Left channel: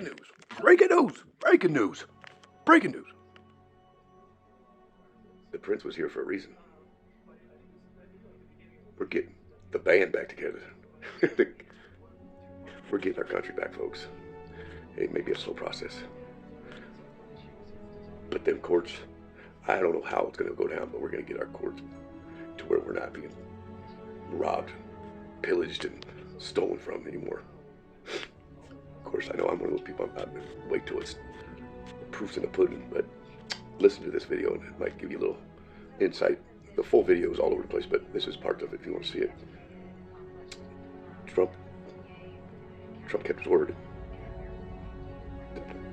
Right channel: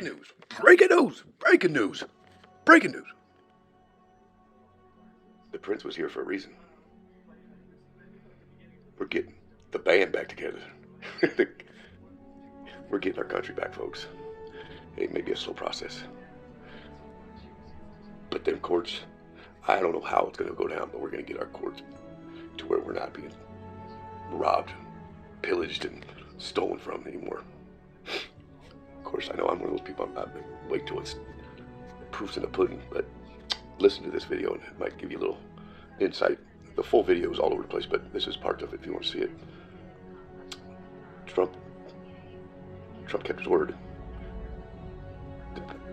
Breaking news! Breaking news! Breaking news! Breaking news! The prince was here for a reason. We're getting the band back together. We're getting our country back, folks. It may be a slow process. But them courts, I don't know how it's going to go down, but we're going to get our courts to where we're not being robbed, pillaged, and stolen from anymore. Of course, I know I'm one of those people, I'm not going to wait till it's proof's in the pudding, but listen to this video and it might give you a little insight. The full video is all over the place, but this is part of it if you want to see it. Trump kept his word.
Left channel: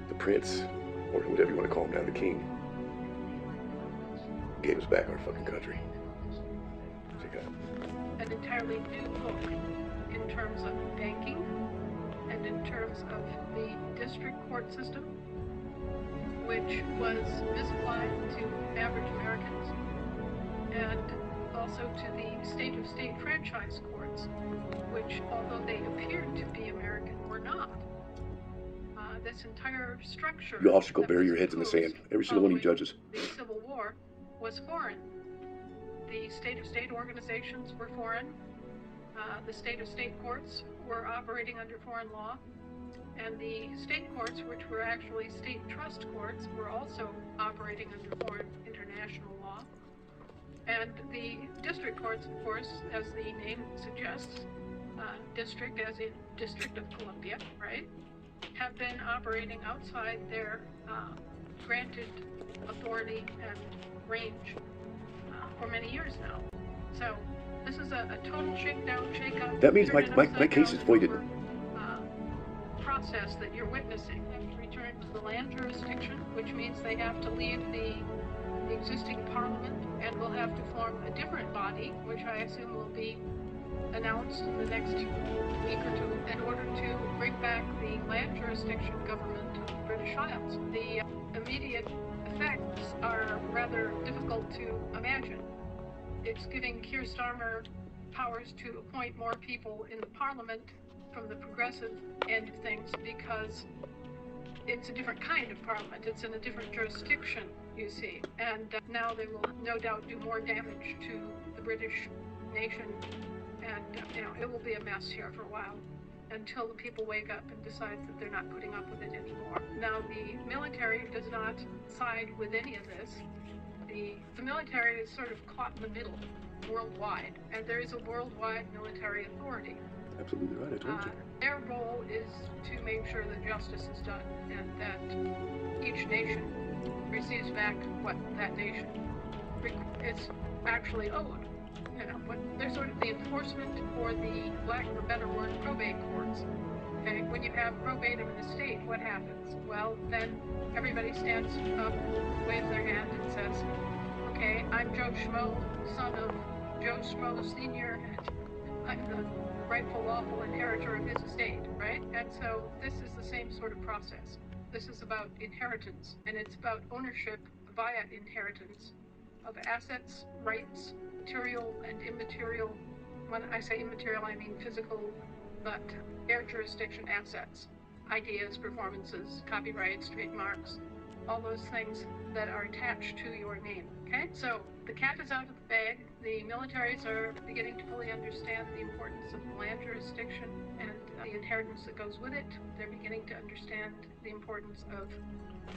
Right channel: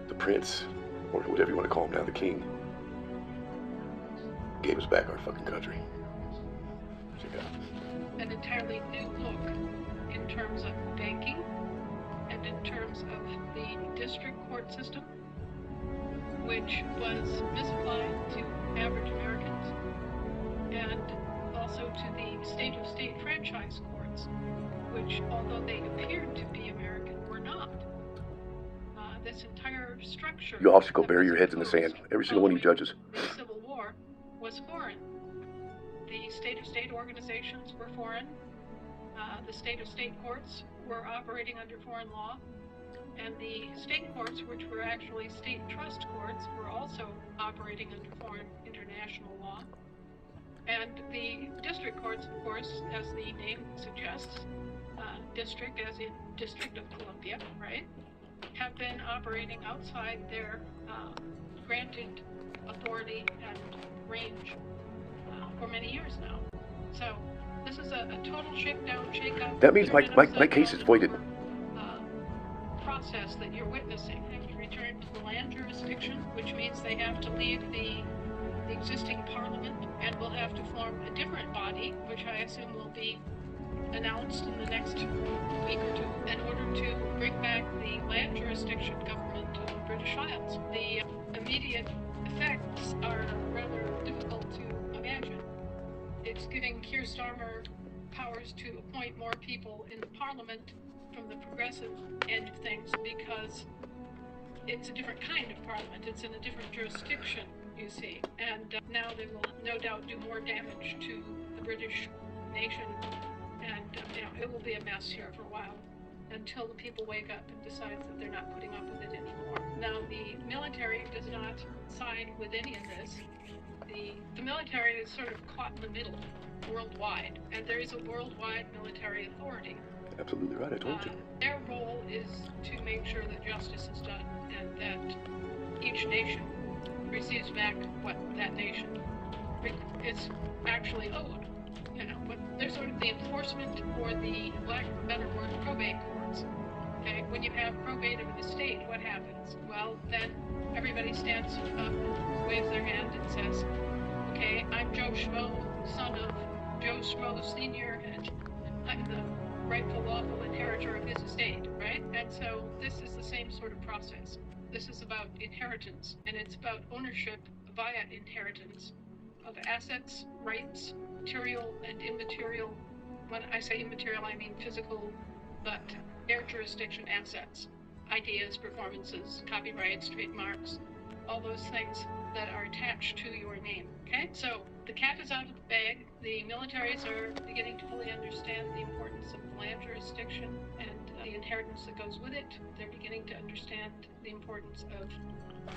The prince, or whatever you want to call him now, the king, gave us back our fucking country. Check it out. An entirely new look in terms of banking and in terms of the district court system, which was misapplied to average Americans, and also to the state-of-state franchise courts, which, although they appeared to be American, were not. This entire structure... You all should go bury your heads in the sand, every single one of you judges. The Civil War was foreign. The state-of-state organizations were foreign. The state-of-state courts were operating under foreign law. And the state courts, which were actually state trust courts, were also operating under foreign international law. And the district courts, of course, as the name suggests, district as in District of Columbia, right, have been operating outside their granted authority and range for many years now. So this is a total shakedown, shake-up. That means my case is voided. Process that you're witnessing. They have to return to the land jurisdiction, which means they have to leave the existing parliament and will have to form a different body, which I assume will be announced in the next week or two, in order to bring back the land jurisdiction government of the British Isles. The immediate effects are rather difficult to imagine. It's giving Keir Starmer powers to appoint more people in the parliament from the progressive end of things, because it's a different kind of parliament. It's in a different jurisdiction, you see. And now they will no doubt do more damage to the British nation. And, it will be a mess here for a while until the people wake up and decide that they're not putting up with it anymore. Now, the military does not side with any of this. The military is sort of caught in the middle worldwide, and there is a worldwide military authority. Absolutely right, I told you. Their role is to make sure that justice is done and that each nation receives back what that nation is actually owed. They're sort of the enforcement, for the lack of a better word, probate courts. Okay, when you have probate of an estate, what happens? Well, then everybody stands up and waves their hand and says, okay, I'm Joe Schmo, son of Joe Schmo Sr., and I'm the rightful lawful inheritor of his estate, right? And so this is the same sort of process. This is about inheritance, and it's about ownership via inheritance of assets, rights, material and immaterial. When I say immaterial, I mean physical, but air jurisdiction assets, ideas, performances, copyrights, trademarks, all those things that are attached to your name, okay? So the cat is out of the bag. The militaries are beginning to fully understand the importance of the land jurisdiction and the inheritance that goes with it. They're beginning to understand the importance of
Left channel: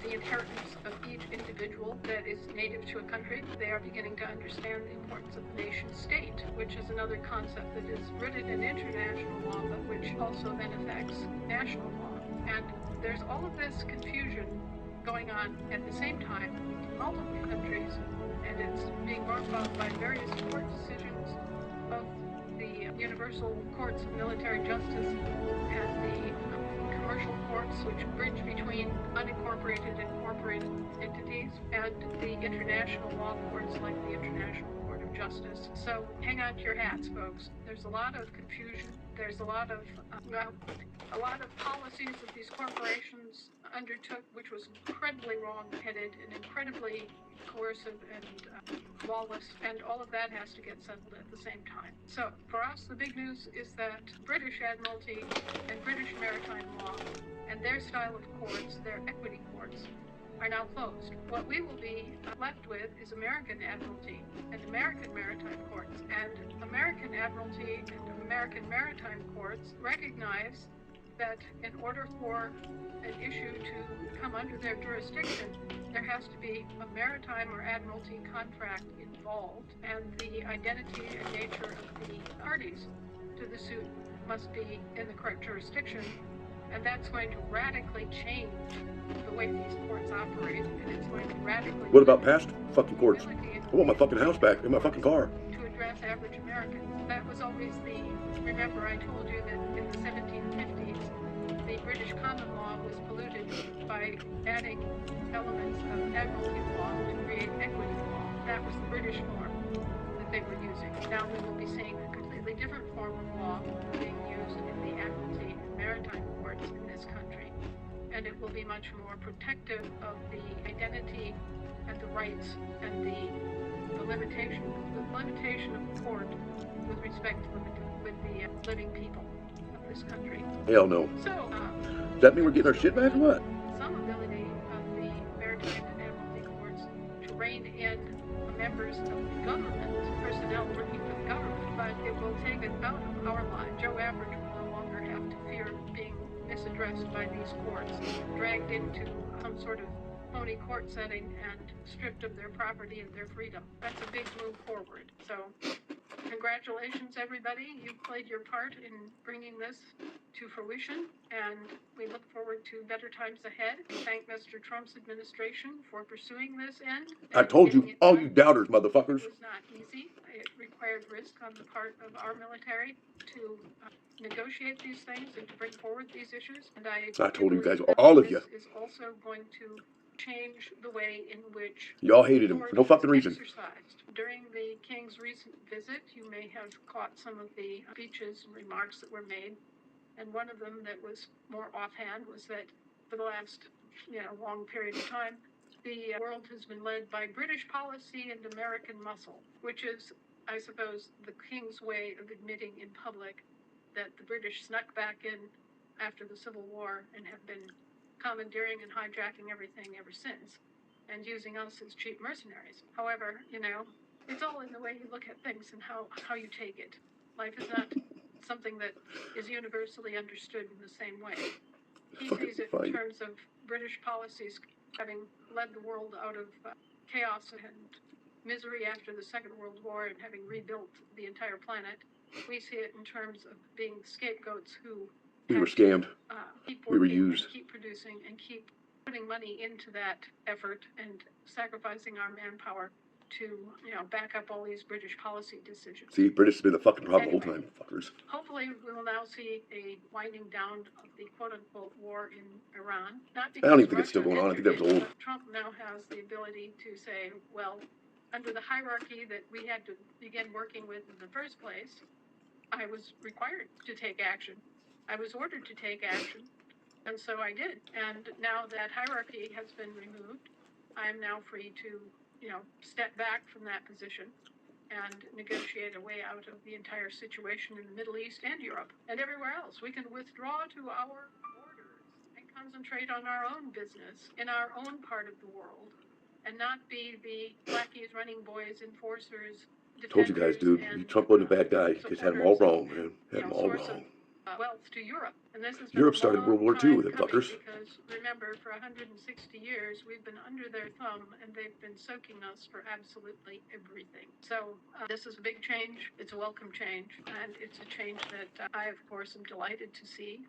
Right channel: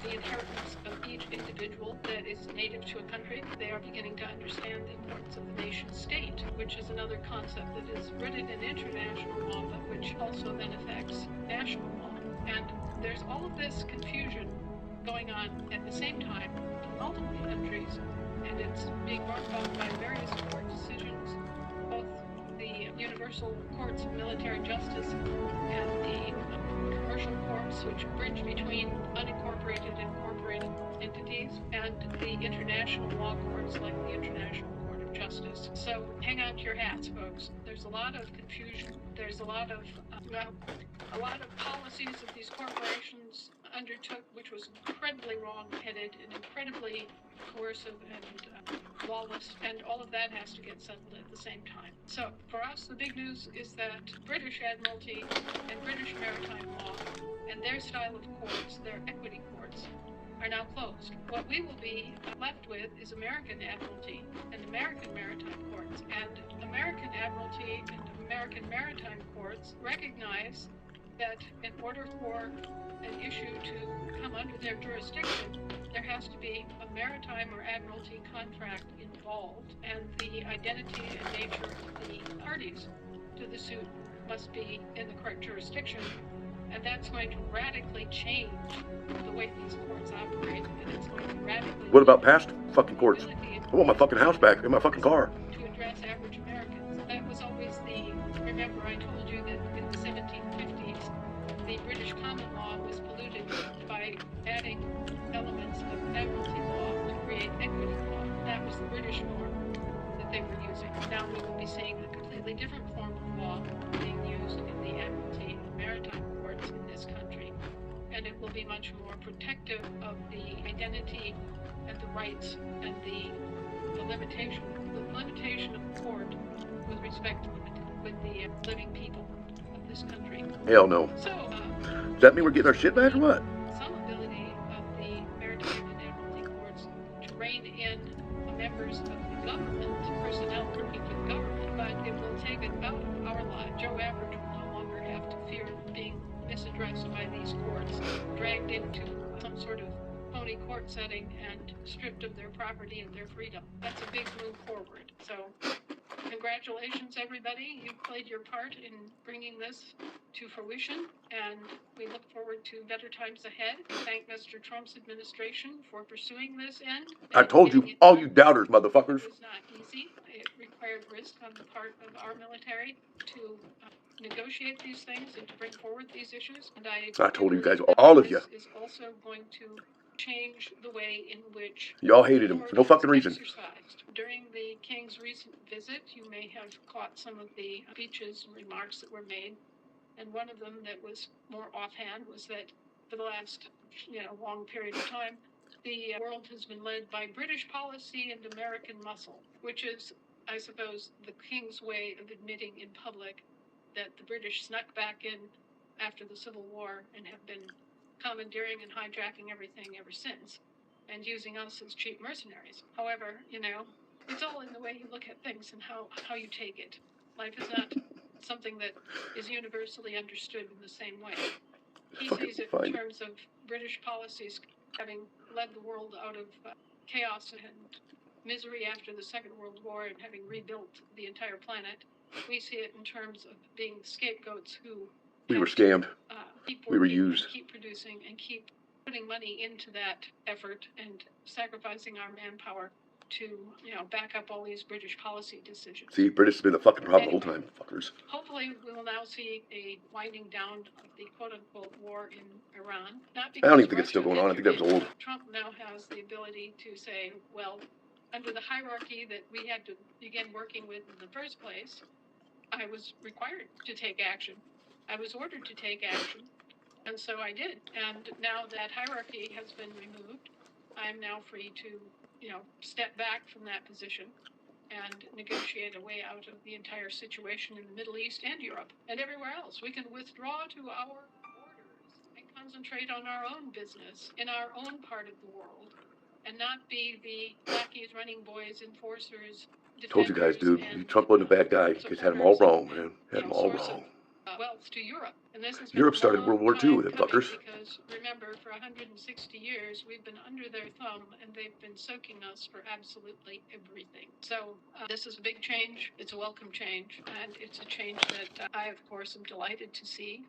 the inheritance of each individual that is native to a country. They are beginning to understand the importance of the nation state, which is another concept that is rooted in international law, but which also then affects national law. And there's all of this confusion going on at the same time in multiple countries, and it's being brought about by various court decisions, both the universal courts of military justice and the commercial courts, which bridge between unincorporated and incorporated entities, and the international law courts like the International Court of Justice. So hang on to your hats, folks. There's a lot of confusion. There's a lot of policies of these corporations undertook, which was incredibly wrong-headed and incredibly coercive and lawless, and all of that has to get settled at the same time. So for us, the big news is that British Admiralty and British maritime law and their style of courts, their equity courts, are now closed. What we will be left with is American Admiralty and American maritime courts. And American Admiralty and American maritime courts recognize that in order for an issue to come under their jurisdiction, there has to be a maritime or admiralty contract involved, and the identity and nature of the parties to the suit must be in the correct jurisdiction. And that's going to radically change the way these courts operate, and it's going to radically... What about past fucking courts? I want my fucking house back in my fucking car. To address average Americans. That was always the... Remember, I told you that in the 1750s, the British common law was polluted by adding elements of admiralty law to create equity law. That was the British form that they were using. Now we will be seeing a completely different form of law being used in the admiralty and maritime courts in this country. And it will be much more protective of the identity and the rights and the limitation of the court with respect to the living people of this country. Hell no. So, does that mean we're getting our shit back or what? Some ability of the maritime and admiralty courts to rein in members of the government, personnel working for the government, but it will take it out of our lives. Joe Average will no longer have to fear being misaddressed by these courts, dragged into some sort of phony court setting and stripped of their property and their freedom. That's a big move forward. So, congratulations, everybody. You played your part in bringing this to fruition, and we look forward to better times ahead. Thank Mr. Trump's administration for pursuing this end. I told you, all you doubters, motherfuckers. It was not easy. It required risk on the part of our military to negotiate these things and to bring forward these issues. And I told you guys, all of you. This is also going to change the way in which y'all hated him for no fucking reason. During the King's recent visit, you may have caught some of the speeches and remarks that were made, and one of them that was more offhand was that for the last, long period of time, the world has been led by British policy and American muscle, which is, I suppose, the King's way of admitting in public that the British snuck back in after the Civil War and have been commandeering and hijacking everything ever since, and using us as cheap mercenaries. However, it's all in the way you look at things and how you take it. Life is not something that is universally understood in the same way. He sees it in terms of British policies having led the world out of chaos and misery after the Second World War and having rebuilt the entire planet. We see it in terms of being scapegoats who we were scammed. We were used. Keep producing and keep putting money into that effort and sacrificing our manpower to, back up all these British policy decisions. See, British has been the fucking problem the whole time, fuckers. Hopefully, we will now see a winding down of the quote-unquote war in Iran. Not because I don't even think it's still going on. I think that was old. Trump now has the ability to say, well, under the hierarchy that we had to begin working with in the first place, I was required to take action. I was ordered to take action, and so I did. And now that hierarchy has been removed, I'm now free to, step back from that position and negotiate a way out of the entire situation in the Middle East and Europe and everywhere else. We can withdraw to our borders and concentrate on our own business in our own part of the world and not be the lackeys, running boys, enforcers, told you guys, dude, Trump wasn't a bad guy. He just had them all wrong, man. Had them all wrong. Wealth to Europe. And this has Europe started World War II with them fuckers. Because remember, for 160 years, we've been under their thumb, and they've been soaking us for absolutely everything. So this is a big change. It's a welcome change, and it's a change that I, of course, am delighted to see.